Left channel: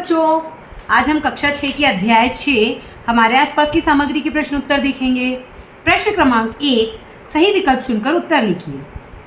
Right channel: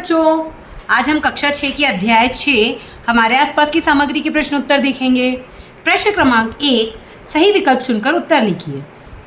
बच्चों, आज हम कक्षा 6 के अध्याय 6 हमारे आसपास की सामग्री के प्रश्न उत्तर देखेंगे। प्रश्न क्रमांक 1, सही विकल्प चुनकर उत्तर लिखिए।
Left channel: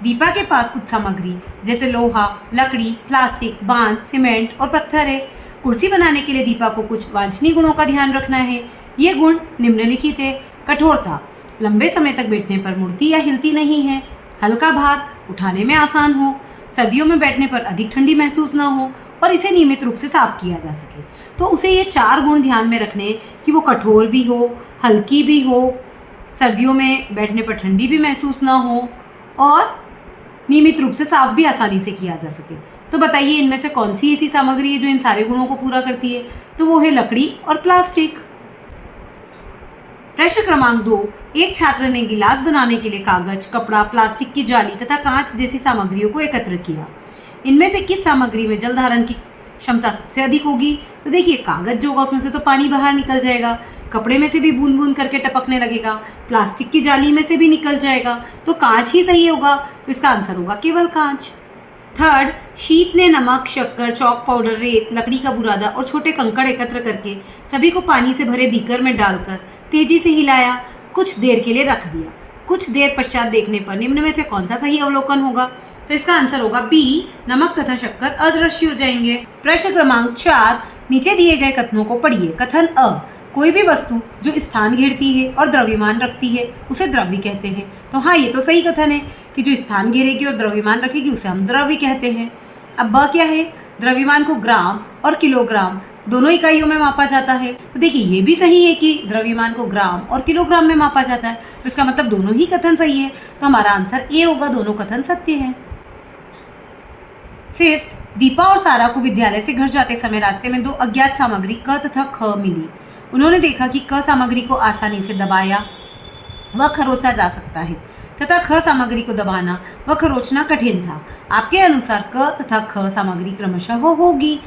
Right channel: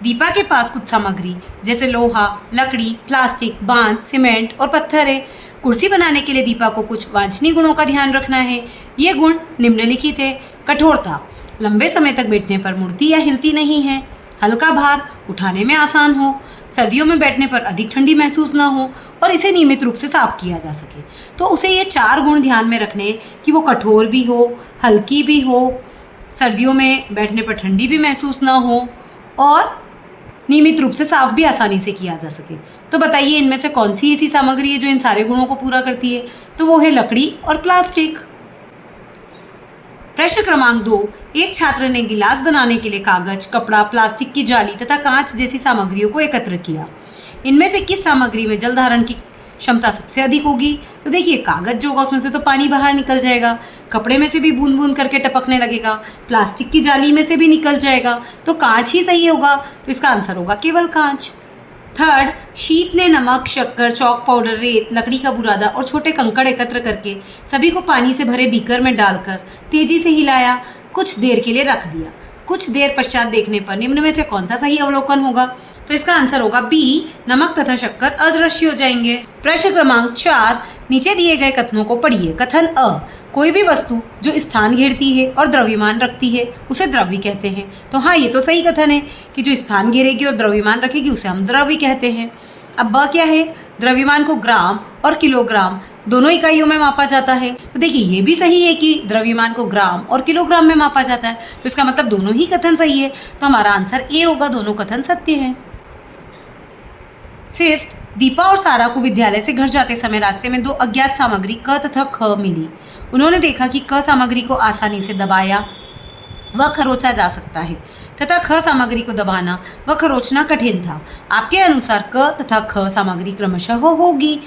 दीपा के पास कुछ सामग्री जैसे लोहा, लकड़ी, प्लास्टिक, बांस, सीमेंट और पत्थर है। कुर्सी बनाने के लिए दीपा को कुछ वांछनीय गुणों का ध्यान रखना है। ये गुण निम्नलिखित है। कठोरता, लंबे समय तक बैठने पर मुड़ती या हिलती नहीं है। हल्का भार, उठाने में आसान हो। सर्दियों में बैठने पर अधिक ठंडी महसूस ना हो और इसे नियमित रूप से साफ किया जा सके। तो उसे ये 4 गुण ध्यान में रखने कि वो कठोर भी हो, हल्की भी हो, सर्दियों में बैठने पर ठंडी भी महसूस ना हो और नियमित रूप से साफ भी आसानी से किया जा सके। तो बताइए इनमें से कौन सी ऐसी सामग्री है जो इन सारे गुणों को पूरा करती है? तो वो है लकड़ी और प्लास्टिक। प्रश्न क्रमांक 2, एक छात्र ने गिलास बनाने के लिए कागज, कपड़ा, प्लास्टिक की जाली तथा कांच जैसी सामग्रियों को एकत्र किया। इनमें से किस सामग्री में जल धारण की क्षमता सबसे अधिक होगी? तो देखिए, कागज जो होगा उसमें से तो पानी बाहर निकल जाएगा, कपड़े में से भी बूंद बूंद करके टपकने लगेगा, प्लास्टिक की जाली में से भी निकल जाएगा, तो कांच ही सही होगा। तो इसका आंसर होगा केवल कांच। थर्ड, शीत ने नमक, शक्कर, चॉक पाउडर, रेत, लकड़ी का बुरादा और छोटे कंकड़ एकत्र करके सभी को पानी से भरे बीकर में डालकर तेजी से हिलाया, कुछ देर के लिए रख दिया। कुछ देर पश्चात देखने पर निम्न में से कौन सा सही अवलोकन होगा? तो इसका आंसर होगा बी, नमक तथा शक्कर अदृश्य हो जाएंगे। प्रश्न क्रमांक 4, नीचे दिए गए कथनों को पढ़िए। कथन अ, कोई भी वस्तु जो स्थान घेरती है और द्रव्यमान रखती है उसे द्रव्य कहते हैं। तो हाँ, ये तो सही कथन है कि जो स्थान घेरेगी और द्रव्यमान रखेगी उसे हम द्रव्य कहते हैं। अब ब क्या है? द्रव्यमान को ग्राम और किलोग्राम दोनों इकाइयों में मापा जाता है। तो देखिए, ये भी सही है कि द्रव्यमान को ग्राम और किलोग्राम में मापा जाता है। तो इसका मतलब दोनों ही कथन सही है। तो हमारा आंसर ए होगा, दोनों कथन सत्य हैं। फिफ्थ, दीपा और सारा को विद्यालय से घर जाते समय रास्ते में 2 अज्ञात सामग्री क तथा ख मिली। उन्होंने देखा कि क सामग्री को आसानी से दबाया व खरोचा जा सकता है तथा ख सामग्री को दबाना व खरोचना कठिन था। आपके अनुसार क तथा ख सामग्री क्रमशः होगी।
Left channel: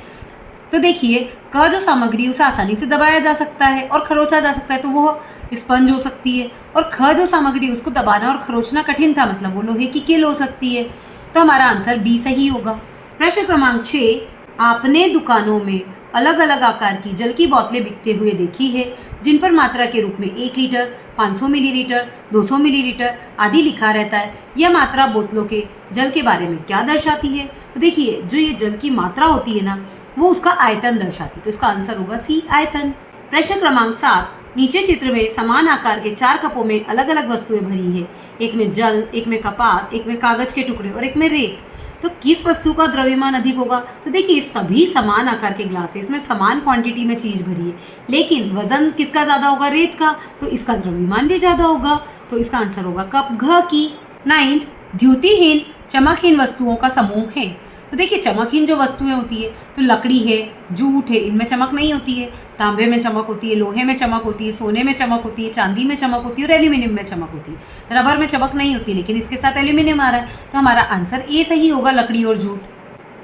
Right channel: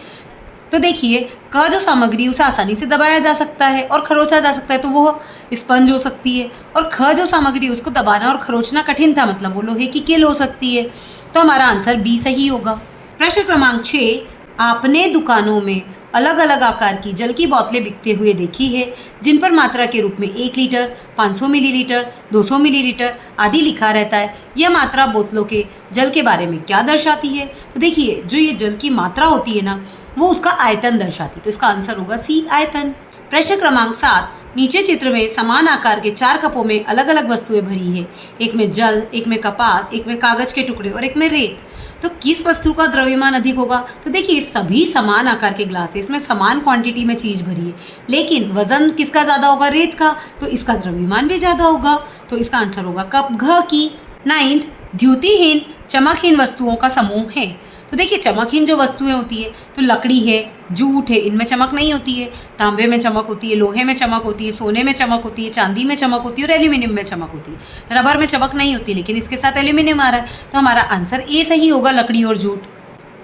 तो देखिए, क जो सामग्री उसे आसानी से दबाया जा सकता है और खरोचा जा सकता है तो वो स्पंज हो सकती है, और ख जो सामग्री उसको दबाना और खरोचना कठिन था मतलब वो लोहे की किल हो सकती है। तो हमारा आंसर बी सही होगा। प्रश्न क्रमांक 6, आपने दुकानों में अलग अलग आकार की जल की बोतलें बिकते हुए देखी है जिन पर मात्रा के रूप में 1 लीटर, 500 मिलीलीटर, 200 मिलीलीटर आदि लिखा रहता है। यह मात्रा बोतलों के जल के बारे में क्या दर्शाती है? तो देखिए, जो ये जल की मात्रा होती है ना, वो उसका आयतन दर्शाती है। तो इसका आंसर होगा सी, आयतन। प्रश्न क्रमांक 7, नीचे चित्र में समान आकार के 4 कपों में अलग अलग वस्तुएं भरी है। एक में जल, एक में कपास, एक में कागज के टुकड़े और एक में रेत। तो किस वस्तु का द्रव्यमान अधिक होगा? तो देखिए, सभी समान आकार के ग्लास है, इसमें समान क्वांटिटी में चीज भरी है, लेकिन वजन किसका ज्यादा होगा? रेत का। तो इसका द्रव्यमान भी ज्यादा होगा। तो इसका आंसर होगा कप, घ की। 9th, द्युतिहीन चमकहीन वस्तुओं का समूह है। तो देखिए, चमकहीन जो वस्तुएं होती है तो लकड़ी है, जूट है, इनमें चमक नहीं होती है। तांबे में चमक होती है, लोहे में चमक होती है, सोने में चमक होती है, चांदी में चमक होती है और एल्यूमिनियम में चमक होती है। रबर में चमक नहीं होती, लेकिन इसके साथ एल्यूमिनियम आ रहा है, तो हमारा आंसर ए सही होगा, लकड़ी और जूट।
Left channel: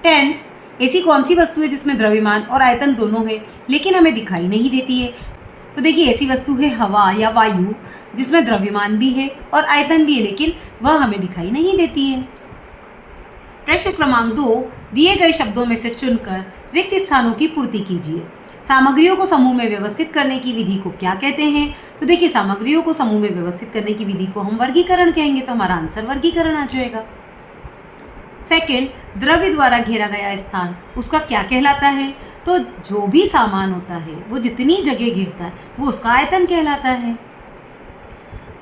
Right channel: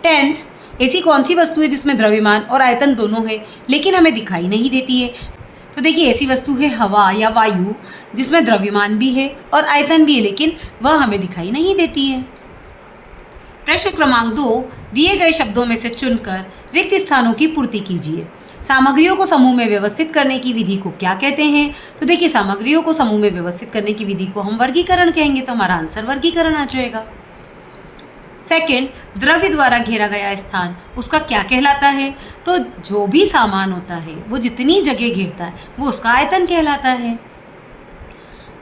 10th, ऐसी कौन सी वस्तु है जिसमें द्रव्यमान और आयतन दोनों है लेकिन हमें दिखाई नहीं देती है? तो देखिए, ऐसी वस्तु है हवा या वायु, जिसमें द्रव्यमान भी है और आयतन भी है लेकिन वह हमें दिखाई नहीं देती है। प्रश्न क्रमांक 2, दिए गए शब्दों में से चुनकर रिक्त स्थानों की पूर्ति कीजिए। सामग्रियों को समूह में व्यवस्थित करने की विधि को क्या कहते हैं? तो देखिए, सामग्रियों को समूह में व्यवस्थित करने की विधि को हम वर्गीकरण कहेंगे। तो हमारा आंसर वर्गीकरण आ जाएगा। सेकंड, द्रव्य द्वारा घेरा गया स्थान उसका क्या कहलाता है? तो जो भी सामान होता है वो जितनी जगह घेरता है वो उसका आयतन कहलाता है।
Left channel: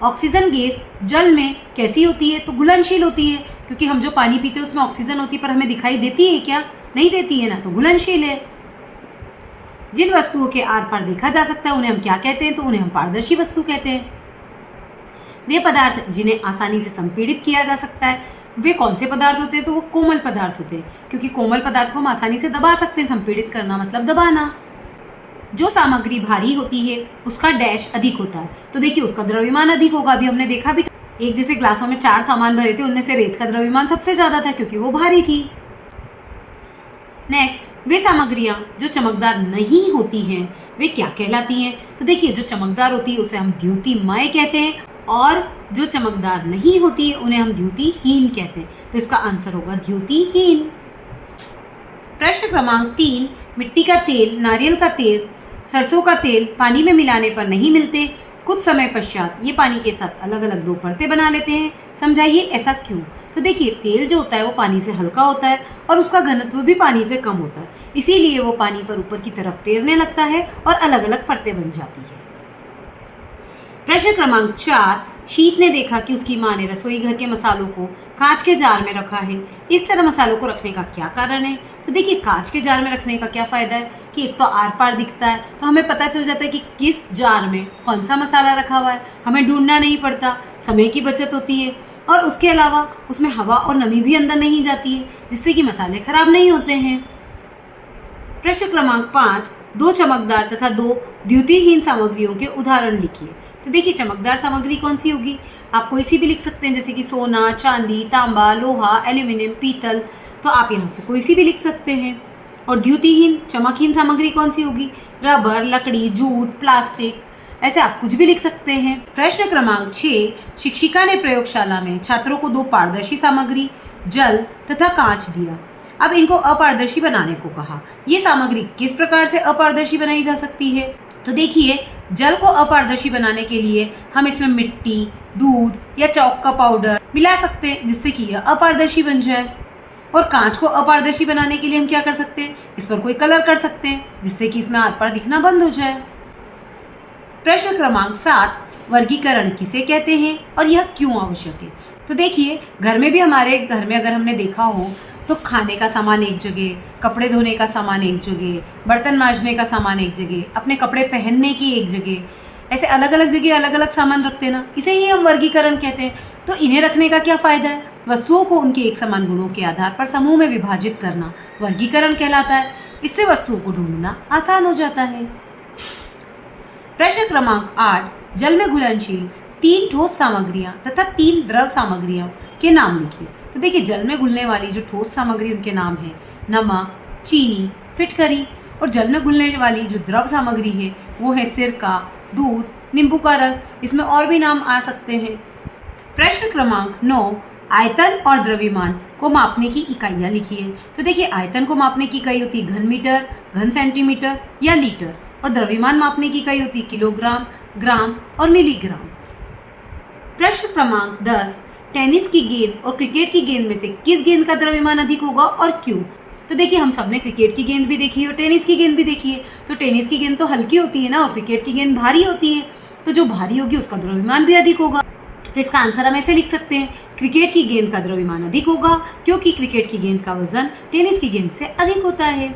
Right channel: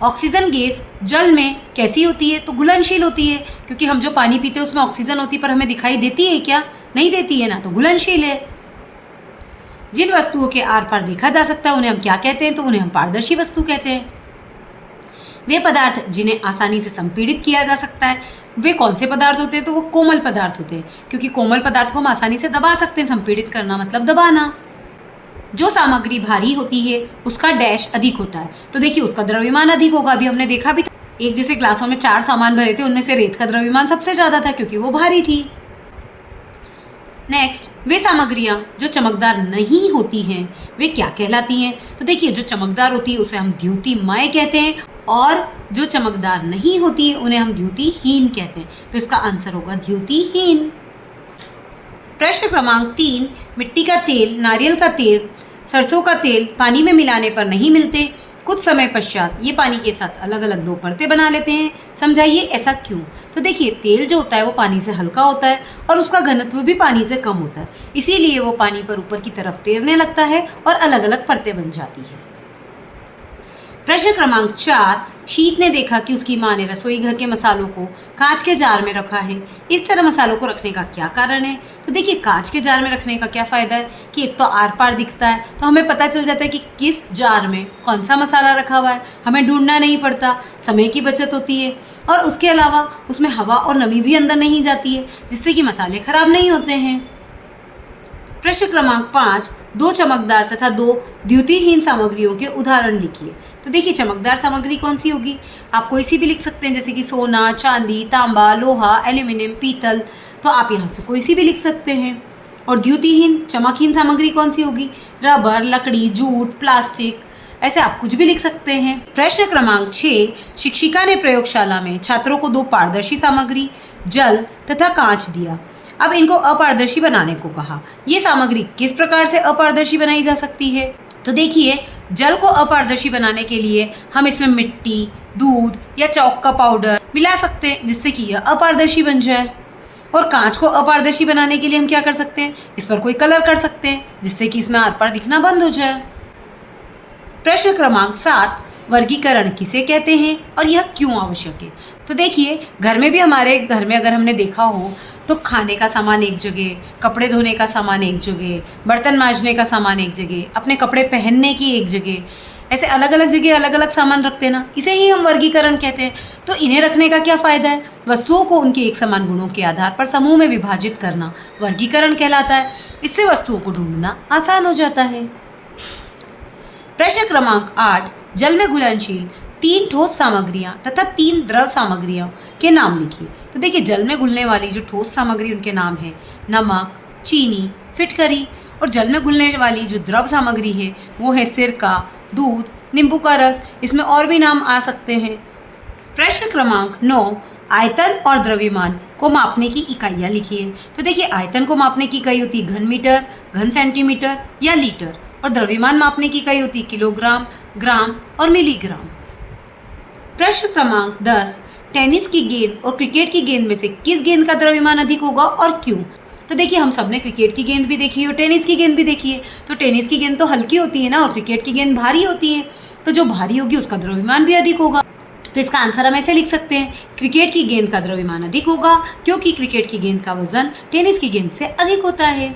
ऑक्सीजन गैस जल में कैसी होती है? तो घुलनशील होती है, क्योंकि हम जो पानी पीते हैं उसमें ऑक्सीजन होती है पर हमें दिखाई देती है क्या? नहीं देती है ना, तो घुलनशील है। जिन वस्तुओं के आर पार देखा जा सकता है उन्हें हम क्या कहते हैं? तो उन्हें हम पारदर्शी वस्तु कहते हैं। वे पदार्थ जिन्हें आसानी से संपीड़ित किया जा सकता है वे कौन से पदार्थ होते हैं? तो वो कोमल पदार्थ होते हैं, क्योंकि कोमल पदार्थ को हम आसानी से दबा सकते हैं। संपीड़ित करना मतलब दबाना। जो सामग्री भारी होती है उसका डैश अधिक होता है। तो देखिए, उसका द्रव्यमान अधिक होगा। अभी हमने देखा भी था, एक जैसे ग्लासों में 4 सामान भरे थे, उनमें से रेत का द्रव्यमान सबसे ज्यादा था क्योंकि वो भारी थी। नेक्स्ट, वे सामग्रियां जो चमकदार नहीं होती हैं वे क्या कहलाती हैं? तो देखिए, जो चमकदार होती है उसे हम द्युतिमय कहते हैं और जो चमकदार नहीं होती है उन्हें हम द्युतिहीन कहते हैं। तो इसका आंसर होगा द्युतिहीन। प्रश्न क्रमांक 3, मिट्टी का तेल, नारियल का तेल, सरसों का तेल पानी में मिलाने पर नहीं मिलते। कुछ समय पश्चात ये पानी के साथ अलग अलग दो परतें बना लेते हैं। समझाइए ऐसा क्यों। तो देखिए, तेल जो होता है वो पानी से हल्का होता है और उसका घनत्व भी पानी से कम होता है, इसीलिए वो पानी पर ऊपर की तरफ तैरने लगता है और अलग अलग परतें बन जाती है। प्रश्न क्रमांक 4, शीत ने देखा कि उसकी माँ ने रसोई घर के मसालों को कांच के जार में रखा है। इस तरह मसालों को रखने का क्या कारण है। तो देखिए, कांच के जार में रखने का क्या फ़ायदा है कि एक तो आर पार दिखता है, तो हमें पता चल जाता है कि किस जार में कौन सा मसाला रखा हुआ है, हमें ढूंढना नहीं पड़ता, समय की बचत होती है और उसके अलावा उसमें हवा और नमी भी अंदर नहीं जाती है, जिससे कि मसाले खराब नहीं होते हैं। प्रश्न क्रमांक 5, 2 चमकदार तथा 2 द्युतिहीन सामग्रियों के उदाहरण लिखिए। तो देखिए, चमकदार सामग्री कौन सी होगी। आप कोई सी भी लिख सकते हैं, जैसे कि सोना, चांदी, तांबा, लोहा, एल्यूमिनियम, पीतल, तो आप यहाँ से कोई सी भी लिख सकते हैं। और द्युतिहीन, चमकहीन सामग्री कौन सी होगी। रबर, लकड़ी, जूट, प्लास्टिक, ऐसे आप कुछ भी लिख सकते हैं। प्रश्न क्रमांक 6, शिक्षिका ने प्रयोगशाला में छात्रों को 2 पारदर्शी सामग्री, जल तथा कांच दिया। अब इनको अपारदर्शी बनाने को कहा। ये सामग्री किस प्रकार से अपारदर्शी बनाई जा सकती है। तो देखिए, जल को अपारदर्शी बनाने के लिए हम इसमें मिट्टी, दूध या चौक का पाउडर मिला सकते हैं, जिससे कि यह अपारदर्शी बन जाए। और कांच को अपारदर्शी बनाने के लिए हम क्या कर सकते हैं, इस पर कोई कलर कर सकते हैं, जिससे कि इसमें आर पार दिखना बंद हो जाए। प्रश्न क्रमांक 7, वर्गीकरण किसे कहते हैं और यह क्यों आवश्यक है। तो देखिए, घर में भी, हमारे घर में अगर हमने देखा हो तो खाने का सामान एक जगह, कपड़े धोने का सामान एक जगह, बर्तन मांजने का सामान एक जगह, अपने कपड़े पहनने की एक जगह, ऐसे अलग अलग जगह अलग अलग सामान रखते हैं ना, इसे ही हम वर्गीकरण कहते हैं। तो इन्हें रखने का क्या फ़ायदा है। वस्तुओं को उनके एक समान गुणों के आधार पर समूह में विभाजित करना वर्गीकरण कहलाता है। इससे वस्तुओं को ढूंढना आसान हो जाता है। प्रश्न क्रमांक 8, जल में घुलनशील 3 ठोस सामग्रियां तथा 3 द्रव सामग्रियों के नाम लिखिए। तो देखिए, जल में घुलने वाली जो ठोस सामग्री, उनके नाम है नमक, चीनी, फिटकरी। और जल में घुलने वाली जो द्रव सामग्री है वो है सिरका, दूध, नींबू का रस। इसमें और भी नाम आ सकते हैं। प्रश्न क्रमांक 9, आयतन और द्रव्यमान को मापने की इकाइयाँ लिखिए। तो देखिए, आयतन को मापने की इकाई होती है घन मीटर, घन सेंटीमीटर या लीटर, और द्रव्यमान मापने की इकाई होती है किलोग्राम, ग्राम और मिलीग्राम। प्रश्न क्रमांक 10, टेनिस की गेंद और क्रिकेट की गेंद में से किस गेंद का द्रव्यमान अधिक होगा और क्यों। तो देखिए, हम सबने क्रिकेट की गेंद भी देखी है और टेनिस की गेंद भी देखी है। तो टेनिस की गेंद तो हल्की होती है ना, और क्रिकेट की गेंद भारी होती है, तो जो भारी होगी उसका द्रव्यमान भी अधिक होगा। तो इसका आंसर हम ऐसे लिख सकते हैं, क्रिकेट की गेंद का द्रव्यमान अधिक होगा, क्योंकि क्रिकेट की गेंद का वजन टेनिस की गेंद से अधिक होता है।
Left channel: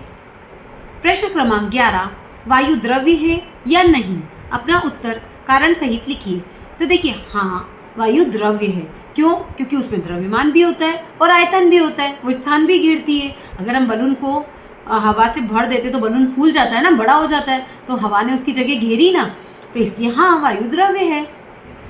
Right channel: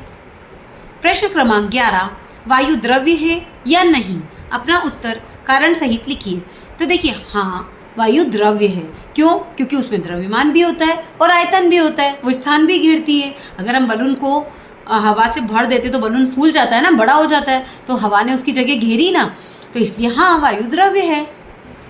प्रश्न क्रमांक 11, वायु द्रव्य है या नहीं। अपना उत्तर कारण सहित लिखिए। तो देखिए, हाँ, वायु द्रव्य है। क्यों। क्योंकि उसमें द्रव्यमान भी होता है और आयतन भी होता है, वो स्थान भी घेरती है। अगर हम बलून को हवा से भर देते तो बलून फूल जाता है ना, बड़ा हो जाता है, तो हवा ने उसकी जगह घेरी ना, तो इसलिए हाँ, वायु द्रव्य है।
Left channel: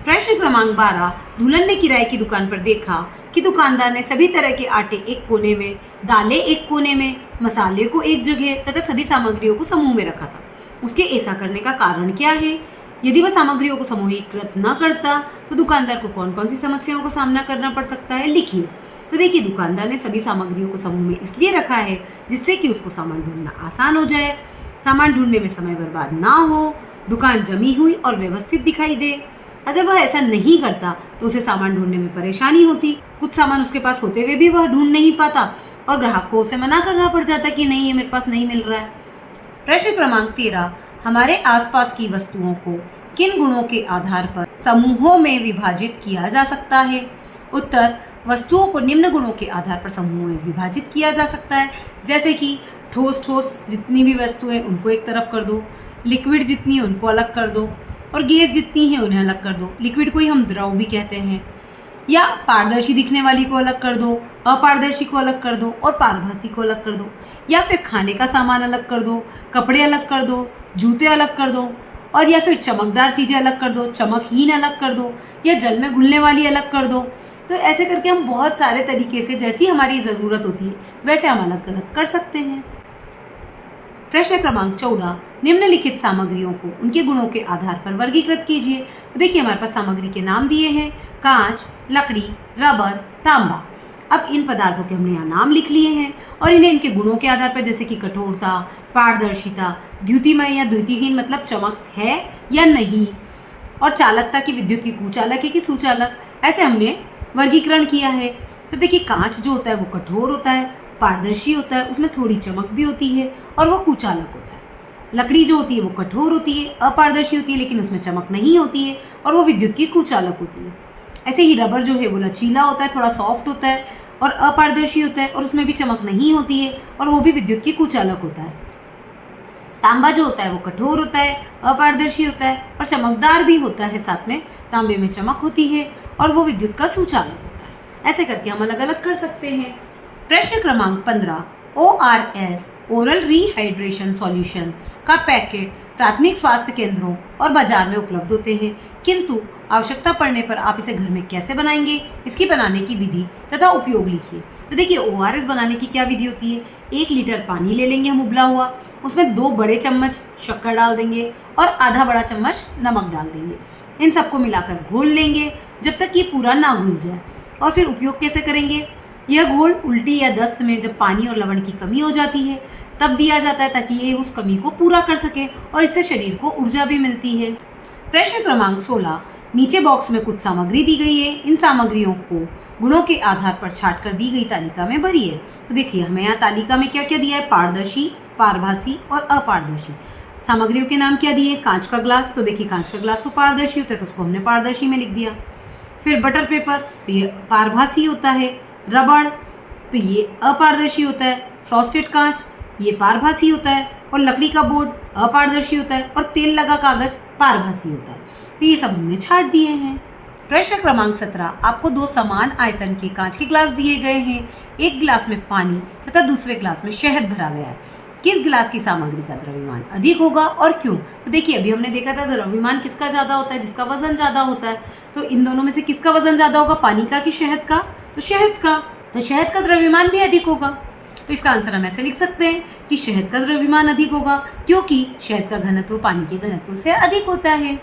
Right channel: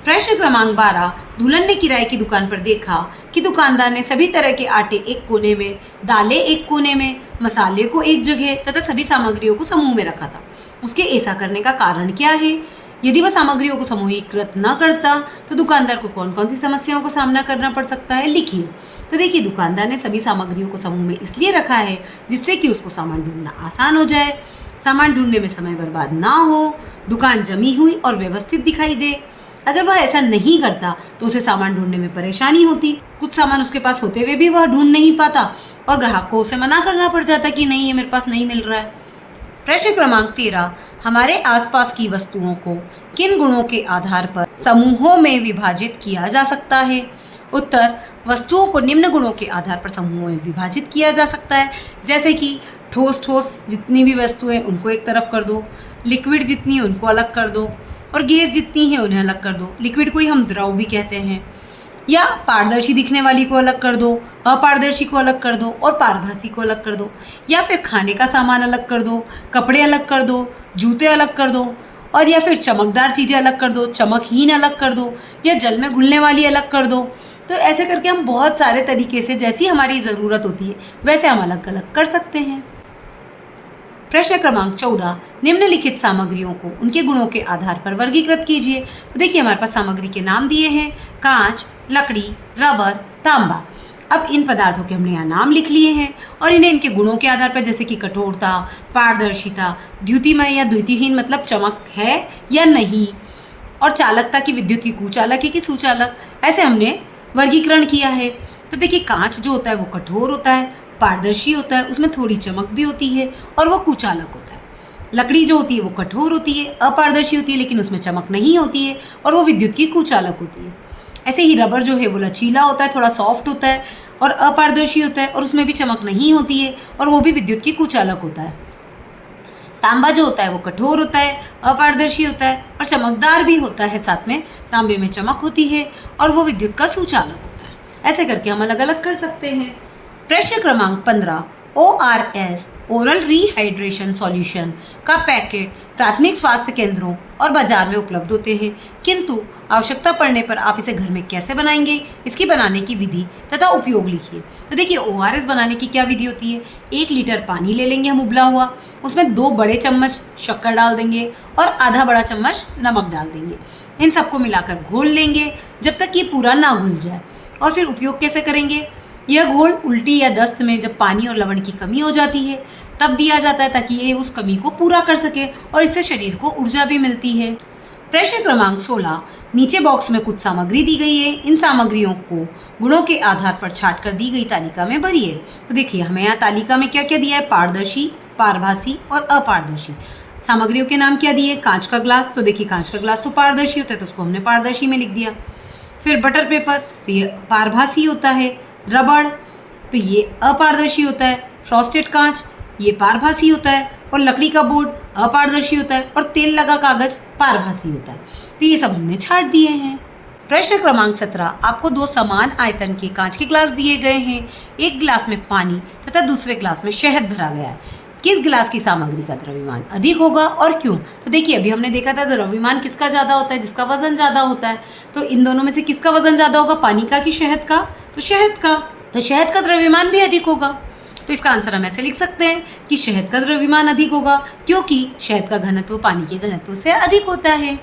प्रश्न क्रमांक 12, दुल्हन ने किराए की दुकान पर देखा कि दुकानदार ने सभी तरह के आटे एक कोने में, दालें एक कोने में, मसाले को एक जगह तथा सभी सामग्रियों को समूह में रखा था। उसके ऐसा करने का कारण क्या है। यदि वह सामग्रियों को समूहीकृत न करता तो दुकानदार को कौन कौन सी समस्याओं का सामना करना पड़ सकता है, लिखिए। तो देखिए, दुकानदार ने सभी सामग्रियों को समूह में इसलिए रखा है जिससे कि उसको सामान ढूंढना आसान हो जाए, सामान ढूंढने में समय बर्बाद ना हो, दुकान जमी हुई और व्यवस्थित दिखाई दे। अगर वह ऐसा नहीं करता तो उसे सामान ढूंढने में परेशानी होती, कुछ सामान उसके पास होते हुए भी वह ढूंढ नहीं पाता और ग्राहक को उसे मना करना पड़ जाता कि नहीं, ये मेरे पास नहीं मिल रहा है। प्रश्न क्रमांक 13, हमारे आसपास की वस्तुओं को किन गुणों के आधार पर समूहों में विभाजित किया जा सकता है। उत्तर, वस्तुओं को निम्न गुणों के आधार पर समूहों में विभाजित किया जा सकता है, जैसे कि ठोस जितनी भी वस्तुएं उनको एक तरफ कर दो, लिक्विड जितनी है उनको अलग कर दो, और गैस जितनी है उन्हें अलग कर दो। लिक्विड को ही हम द्रव भी कहते हैं। या पारदर्शी दिखने वाली को अलग कर दो, अपारदर्शी को अलग कर दो और पारभासी को अलग कर दो। या फिर खाने का सामान अलग कर दो, कपड़े अलग कर दो, जूते अलग कर दो, और या फिर चमकदार चीज़ें अलग कर दो, चमकहीन अलग कर दो, या जल में घुलने वाली अलग कर दो। तो ऐसे करके हम बहुत सारे तरीके से, जैसी हमारी ज़रूरत होती है वैसे हम अलग अलग कर सकते हैं। प्रश्न क्रमांक 14, निम्नलिखित सामग्रियों को उनके गुणों के आधार पर वर्गीकृत कीजिए। तो देखिए, हमारे पास सामग्री के नाम दिए हैं, कांच, लकड़ी, रबर, तांबा। अब इन पदार्थों के हमने यहाँ नाम लिख लिए हैं और इन्हें इनके गुणों के आधार पर, जैसे कि कठोरता, पारदर्शिता, द्युतिमय या द्युतिहीन मतलब चमक है या नहीं, और चालकता की विद्युत की कुचालक है कि सुचालक, ऐसे हमने वर्गीकरण किया है। तो देखिए कांच जो होता है वो कठोर होता है, पारदर्शी होता है, उसमें थोड़ी चमक भी होती है और वो कुचालक होता है। लकड़ी जो होती है वो कठोर होती है, अपारदर्शी होती है, लेकिन उसमें चमक नहीं होती है और वो विद्युत की कुचालक होती है। ऐसे ही रबर जो है वो लचीला होता है, थोड़ा सॉफ्ट होता है और अपारदर्शी होता है और उसमें भी चमक नहीं होती है और वो भी विद्युत की कुचालक होता है। तांबा जो होता है वो कठोर होता है, अपारदर्शी होता है और चमकदार भी होता है, साथ में तांबे में चमक होती है और वो विद्युत का सुचालक होता है। ऐसे करके हम अलग अलग कर सकते हैं। प्रश्न क्रमांक 15, ORS ओरल रिहाइड्रेशन सॉल्यूशन का पैकेट प्राथमिक स्वास्थ्य केंद्रों और बाजार में उपलब्ध होते हैं, किंतु आवश्यकता पड़ने पर आप इसे घर में कैसे बनाएंगे, इसकी बनाने की विधि तथा उपयोग लिखिए। तो देखिए ORS बनाने की क्या विधि होती है। 1 लीटर पानी ले लेंगे हम उबला हुआ, उसमें 2 बड़े चम्मच शक्कर डाल देंगे और आधा बड़ा चम्मच नमक डाल देंगे। इन सबको मिलाकर घोल लेंगे जब तक ये पूरा ना घुल जाए। और फिर उपयोग कैसे करेंगे। यह घोल उल्टी या दस्त में जब पानी और लवण की कमी हो जाती है तब दिया जाता है, ताकि ये उस कमी को पूरा कर सके और इससे शरीर को ऊर्जा भी मिलती है। प्रश्न क्रमांक 16, नीचे बॉक्स में कुछ सामग्री दी गई है, इन सामग्रियों को गुणों के आधार पर छाट कर दी गई तालिका में भरिए। तो देखिए हमें यहाँ तालिका में क्या क्या दिया है, पारदर्शी, पारभासी और अपारदर्शी। सामग्रियों के नाम क्या दिए, कांच का ग्लास, तो देखिए कांच का ग्लास तो पारदर्शी होता है तो उसको हमने पारदर्शी में लिख दिया। फिर बटर पेपर, तो ये पारभासी होता है। रबड़, तो ये अपारदर्शी होता है। फ्रॉस्टेड कांच, ये पारभासी होता है। और लकड़ी का बोर्ड अपारदर्शी होता है और तेल लगा कागज पारभासी होता है। तो ये सब हमने छाट दिए हैं। प्रश्न क्रमांक 17, आपको 2 समान आयतन के कांच के ग्लास दिए गए हैं। एक गिलास में पानी तथा दूसरे गिलास में शहद भरा गया है। किस गिलास की सामग्री का द्रव्यमान अधिक होगा और क्यों। तो देखिए अभी हमने देखा था द्रव्यमान किसका ज़्यादा होता है, जिसका वजन ज़्यादा होता है। तो इन दोनों में से किसका वजन ज़्यादा होगा, पानी का कि शहद का। तो शहद का, तो शहद का द्रव्यमान भी अधिक होगा। तो इसका आंसर हम ऐसे लिख सकते हैं कि शहद का द्रव्यमान अधिक होगा, क्योंकि शहद का घनत्व पानी के घनत्व से अधिक होता है।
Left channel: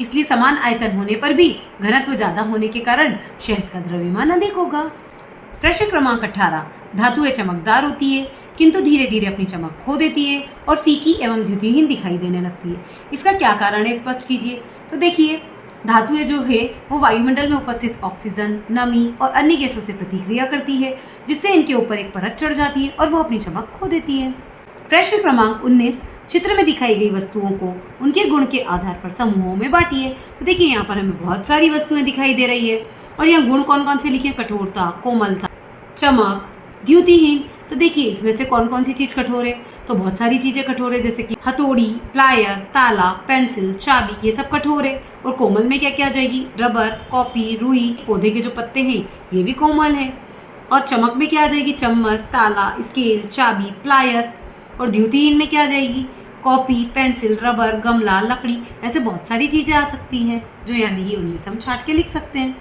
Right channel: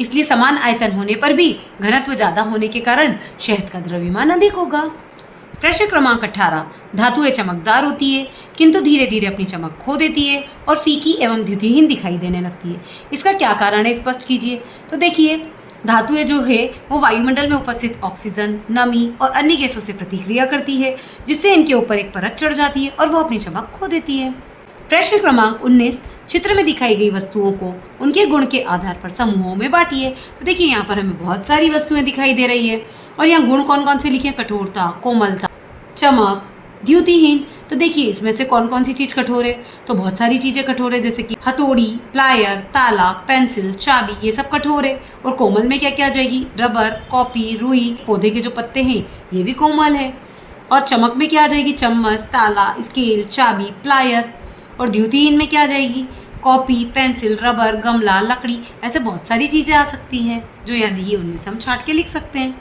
इसलिए समान आयतन होने पर भी घनत्व ज़्यादा होने के कारण शहद का द्रव्यमान अधिक होगा। प्रश्न क्रमांक 18, धातुएं चमकदार होती है किंतु धीरे धीरे अपनी चमक खो देती है और फीकी एवं द्युतिहीन दिखाई देने लगती है। इसका क्या कारण है, स्पष्ट कीजिए। तो देखिए धातुएं जो है वो वायुमंडल में उपस्थित ऑक्सीजन, नमी और अन्य गैसों से प्रतिक्रिया करती है, जिससे इनके ऊपर एक परत चढ़ जाती है और वो अपनी चमक खो देती है। प्रश्न क्रमांक 19, चित्र में दिखाई गई वस्तुओं को उनके गुण के आधार पर समूहों में बांटिए। तो देखिए यहाँ पर हमें बहुत सारी वस्तुएं दिखाई दे रही है और यहाँ गुण कौन कौन से लिखे, कठोरता, कोमलता, चमक, द्युतिहीन। तो देखिए इसमें से कौन कौन सी चीज कठोर है, तो बहुत सारी चीजें कठोर है, जैसे कि हथौड़ी, प्लायर, ताला, पेंसिल, चाबी, ये सब कठोर है। और कोमल में क्या क्या आ जाएगी, रबर, कॉपी, रुई, पौधे के जो पत्ते हैं ये भी कोमल है। और चमक में क्या आ जाएगी, चम्मच, ताला, स्केल, चाबी, प्लायर। और द्युतिहीन में क्या आ जाएगी, कॉपी, पेंसिल, रबर, गमला, लकड़ी, ऐसे बहुत सारी चीजें आ सकती हैं जो यहाँ दी है, उनमें से हम छाट के लिख सकते हैं।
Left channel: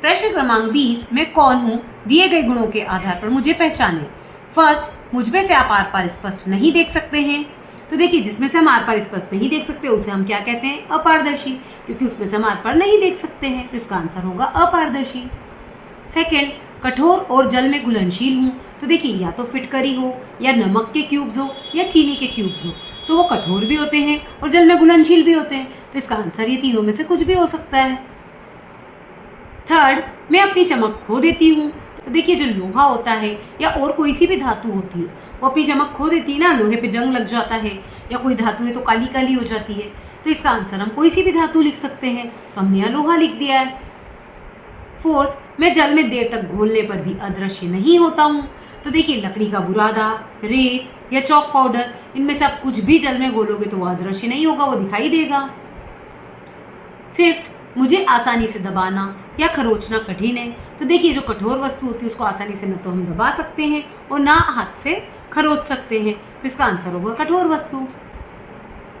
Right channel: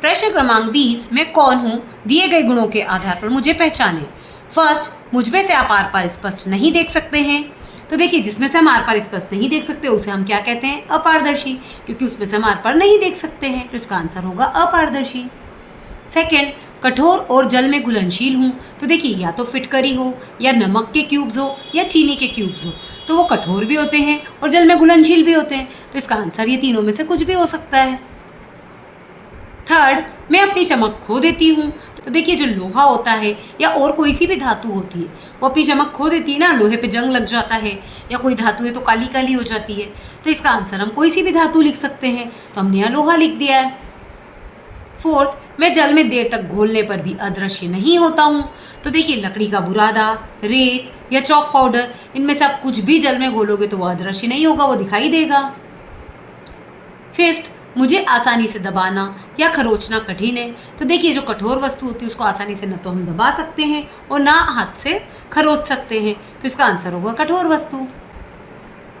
प्रश्न क्रमांक 20, मैं कौन हूँ, दिए गए गुणों के आधार पर मुझे पहचाने। फर्स्ट, मुझमें से आप आर पार स्पष्ट नहीं देख सकते हैं। तो देखिए जिसमें से हम आर पार स्पष्ट नहीं देख सकते उसे हम क्या कहते हैं, अपारदर्शी, क्योंकि उसमें से हम आर पार नहीं देख सकते हैं, तो इसका आंसर होगा अपारदर्शी। सेकेंड, कठोर और जल में घुलनशील हूँ। तो देखिए या तो फिटकरी हो या नमक के क्यूब्स हो या चीनी के क्यूब्स हो, तो वो कठोर भी होते हैं और जल में घुलनशील भी होते हैं, तो इसका आंसर ये तीनों में से कुछ भी हो सकता है। थर्ड, मैं अपनी चमक खो देती हूँ। तो देखिए जो लोहा होता है या और कोई सी भी धातु होती है वो अपनी चमक खो देती है ना, लोहे पे जंग लग जाता है या कोई धातु है तो काली काली हो जाती है, तो इसका आंसर हम कोई सी भी धातु लिख सकते हैं, तो हमने यहाँ लोहा लिख दिया है। फोर्थ, मैं जल में देर तक घोलने पर भी अदृश्य नहीं होता हूँ। तो देखिए लकड़ी का बुरादा, रेत या चॉक पाउडर, इनमें से आप कुछ भी जल में घोलोगे तो वो अदृश्य नहीं होगा, वो दिखाई देगा। फिफ्थ, मुझे आसानी से दबाना या खरोचना कठिन है। तो देखिए जो कठोर वस्तु होती है उसको आसानी से न तो हम दबा सकते हैं और ना हाथ से खरोच सकते हैं, तो इसका आंसर होगा कठोर वस्तु।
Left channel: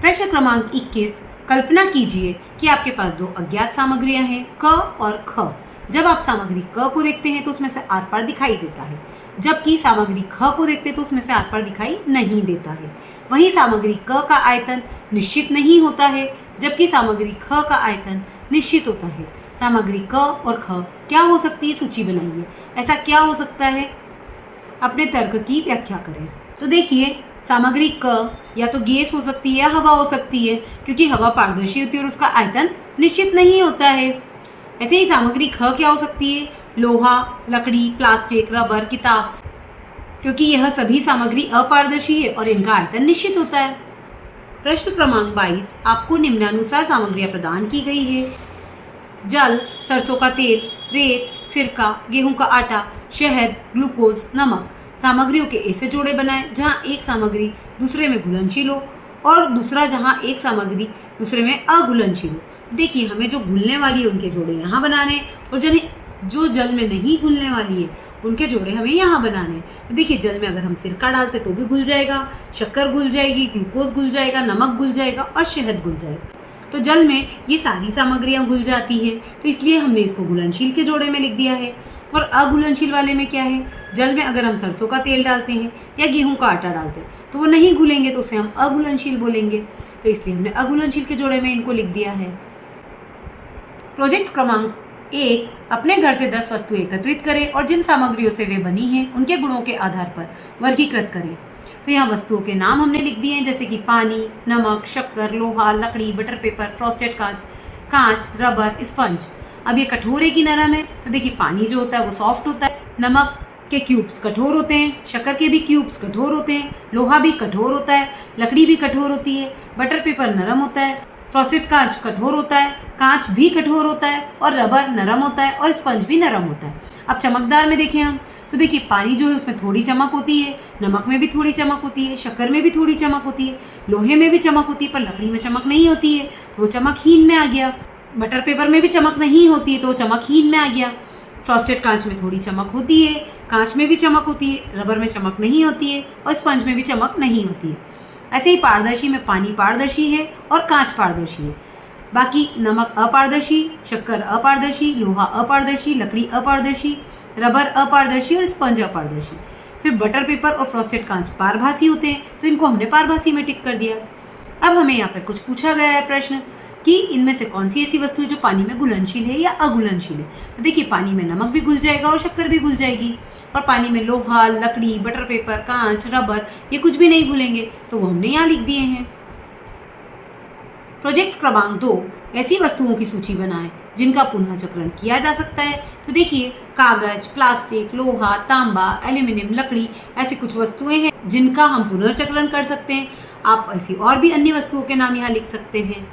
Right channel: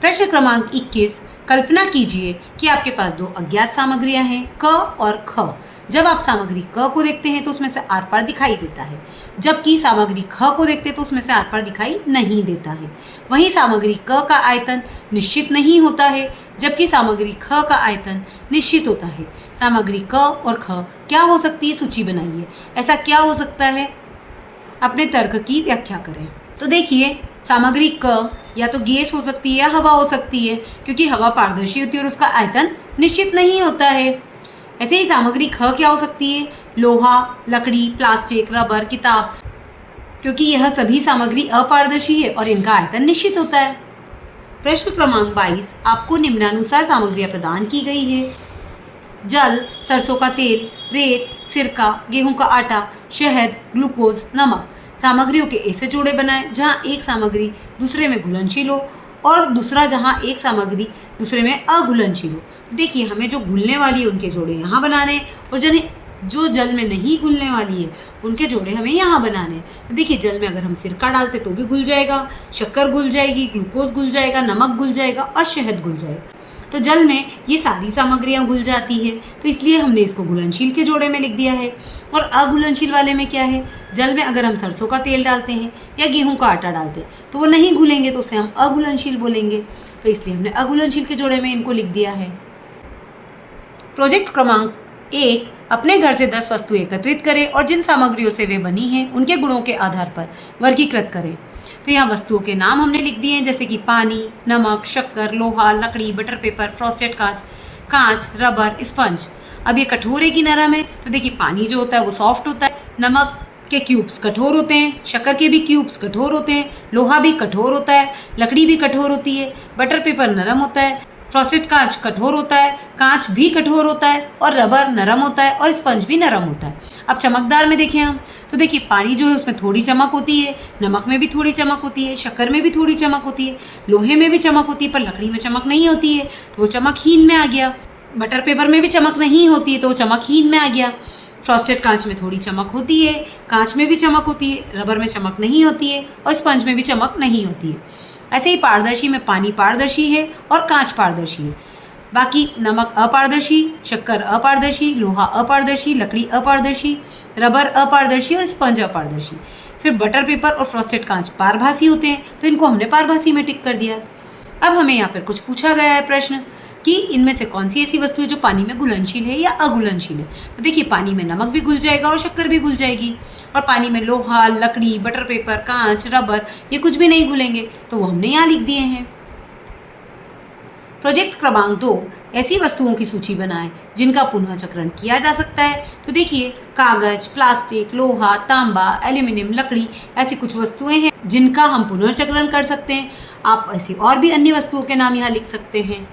प्रश्न क्रमांक 21, कल्पना कीजिए कि आपके पास 2 अज्ञात सामग्रियां हैं, क और ख। जब आप सामग्री क को देखते हैं तो उसमें से आर पार दिखाई देता है, जबकि सामग्री ख को देखते हैं तो उसमें से आर पार दिखाई नहीं देता है। वहीं सामग्री क का आयतन निश्चित नहीं होता है, जबकि सामग्री ख का आयतन निश्चित होता है। सामग्री क और ख क्या हो सकती है, सूची बनाइए। ऐसा क्या हो सकता है, अपने तर्क की व्याख्या करें। तो देखिए, सामग्री क या तो गैस हो सकती है या हवा हो सकती है, क्योंकि हवा पारदर्शी होती है और उसका आयतन निश्चित नहीं होता है। ऐसे ही सामग्री ख क्या हो सकती है, लोहा, लकड़ी, प्लास्टिक, रबर, किताब, क्योंकि यह सभी सामग्री अपारदर्शी है और इनका आयतन निश्चित होता है। प्रश्न क्रमांक 22, आपको निम्नानुसार सामग्रियां प्रदान की गई है। जल, सरसों का तेल, रेत, सिरका, गेहूं का आटा, शहद, ग्लूकोज, नमक। सामग्रियों के ऐसे जोड़े बनाएं जहां एक सामग्री दूसरे में घुलनशील हो और दूसरा जहां एक सामग्री दूसरे में अघुलनशील हो। देखिए, हमें जो घुलने वाली है उनके जोड़े यहाँ बनाने हैं और जो जल में नहीं घुलने वाली है उनके जोड़े हमें यहाँ बनाने हैं। तो देखिए, जल में अगर हम सिरका डालते तो भी घुल जाएगा, शक्कर घुल जाएगी, ग्लूकोज घुल जाएगा, नमक घुल जाएगा और शहद घुल जाएगा। तो जल में ये सारी सामग्रियाँ घुल जाती है, तो इसलिए हमने इसको घुलनशील के जोड़े में लिख दिया है। और अघुलनशील वाले में क्या है, जल में अगर हम सरसों का तेल डालते हैं या गेहूं का आटा डालते हैं तो वो नहीं घुलेंगे, तो उसे हम अघुलनशील बोलेंगे। तो इसलिए हमने अघुलनशील के जोड़े में इनको लिख दिया है। प्रोजेक्ट क्रमांक 1, अपने घर से 10 वस्तुएं एकत्रित करें और जिन सामग्रियों से वे बनी हैं उनके गुणों के आधार पर वर्गीकृत करें। तो यहाँ वस्तुओं के नाम हमने लिख दिए हैं, जैसे कि पानी, नमक, शक्कर, लोहा, लकड़ी, बटर पेपर, फ्रॉस्टेड कांच, रबर, स्पंज। अब ये कठोर है कि नरम है, तो देखिए, पानी जो होता है वो सॉफ्ट होता है, नमक के क्यूब्स कठोर होते हैं, शक्कर के भी क्यूब्स कठोर होते हैं, लोहा भी कठोर होता है, लकड़ी भी कठोर होती है, बटर पेपर नरम होता है, फ्रॉस्टेड कांच कठोर होता है, कांच भी कठोर होता है और रबर नरम होता है और स्पंज भी नरम होता है। अब चमकदार में देखें हम, तो देखिए, पानी जो है उसमें थोड़ी चमक होती है, नमक में भी थोड़ी चमक होती है, शक्कर में भी थोड़ी चमक होती है, लोहे में भी चमक होती है, पर लकड़ी में चमक नहीं होती है, तो वो चमकहीन में आ गया। बटर पेपर में भी चमक नहीं होती है, तो वो चमकहीन में आ गया। फ्रॉस्टेड कांच में थोड़ी चमक होती है, कांच में भी चमक होती है, रबर में चमक नहीं होती है और स्पंज में भी चमक नहीं होती है। ऐसे ही पारदर्शी में पानी पारदर्शी है और कांच पारदर्शी है। बाकी नमक अपारदर्शी, शक्कर अपारदर्शी, लोहा अपारदर्शी, लकड़ी अपारदर्शी, रबर अपारदर्शी और स्पंज अपारदर्शी। फिर बटर पेपर और फ्रॉस्टेड कांच पारभासी होते हैं, तो इनको हमने पारभासी में टिक कर दिया। अब हमें यहाँ पर कुछ पूछा गया है प्रश्न कि इनमें से कौन सी ऐसी वस्तु है जो पानी में घुलनशील है या अघुलनशील है। तो देखिए, पानी में नमक भी घुल जाएगा और शक्कर भी घुल जाएगी, और पानी में लोहा, लकड़ी, बटर पेपर, कांच, रबर ये कुछ भी नहीं घुलेंगे, तो वो हमने यहाँ लिख दिए हैं। प्रोजेक्ट क्रमांक 2, ऐसी वस्तुओं की सूची बनाएं जिनका पुनःचक्रण किया जा सकता है। तो देखिए, कागज, प्लास्टिक, लोहा, तांबा, एल्यूमिनियम, लकड़ी, ऐसी कुछ वस्तुएं हैं जिनका हम पुनर्चक्रण कर सकते हैं। आप ऐसी और भी अन्य वस्तुओं के नाम यहाँ लिख सकते हैं।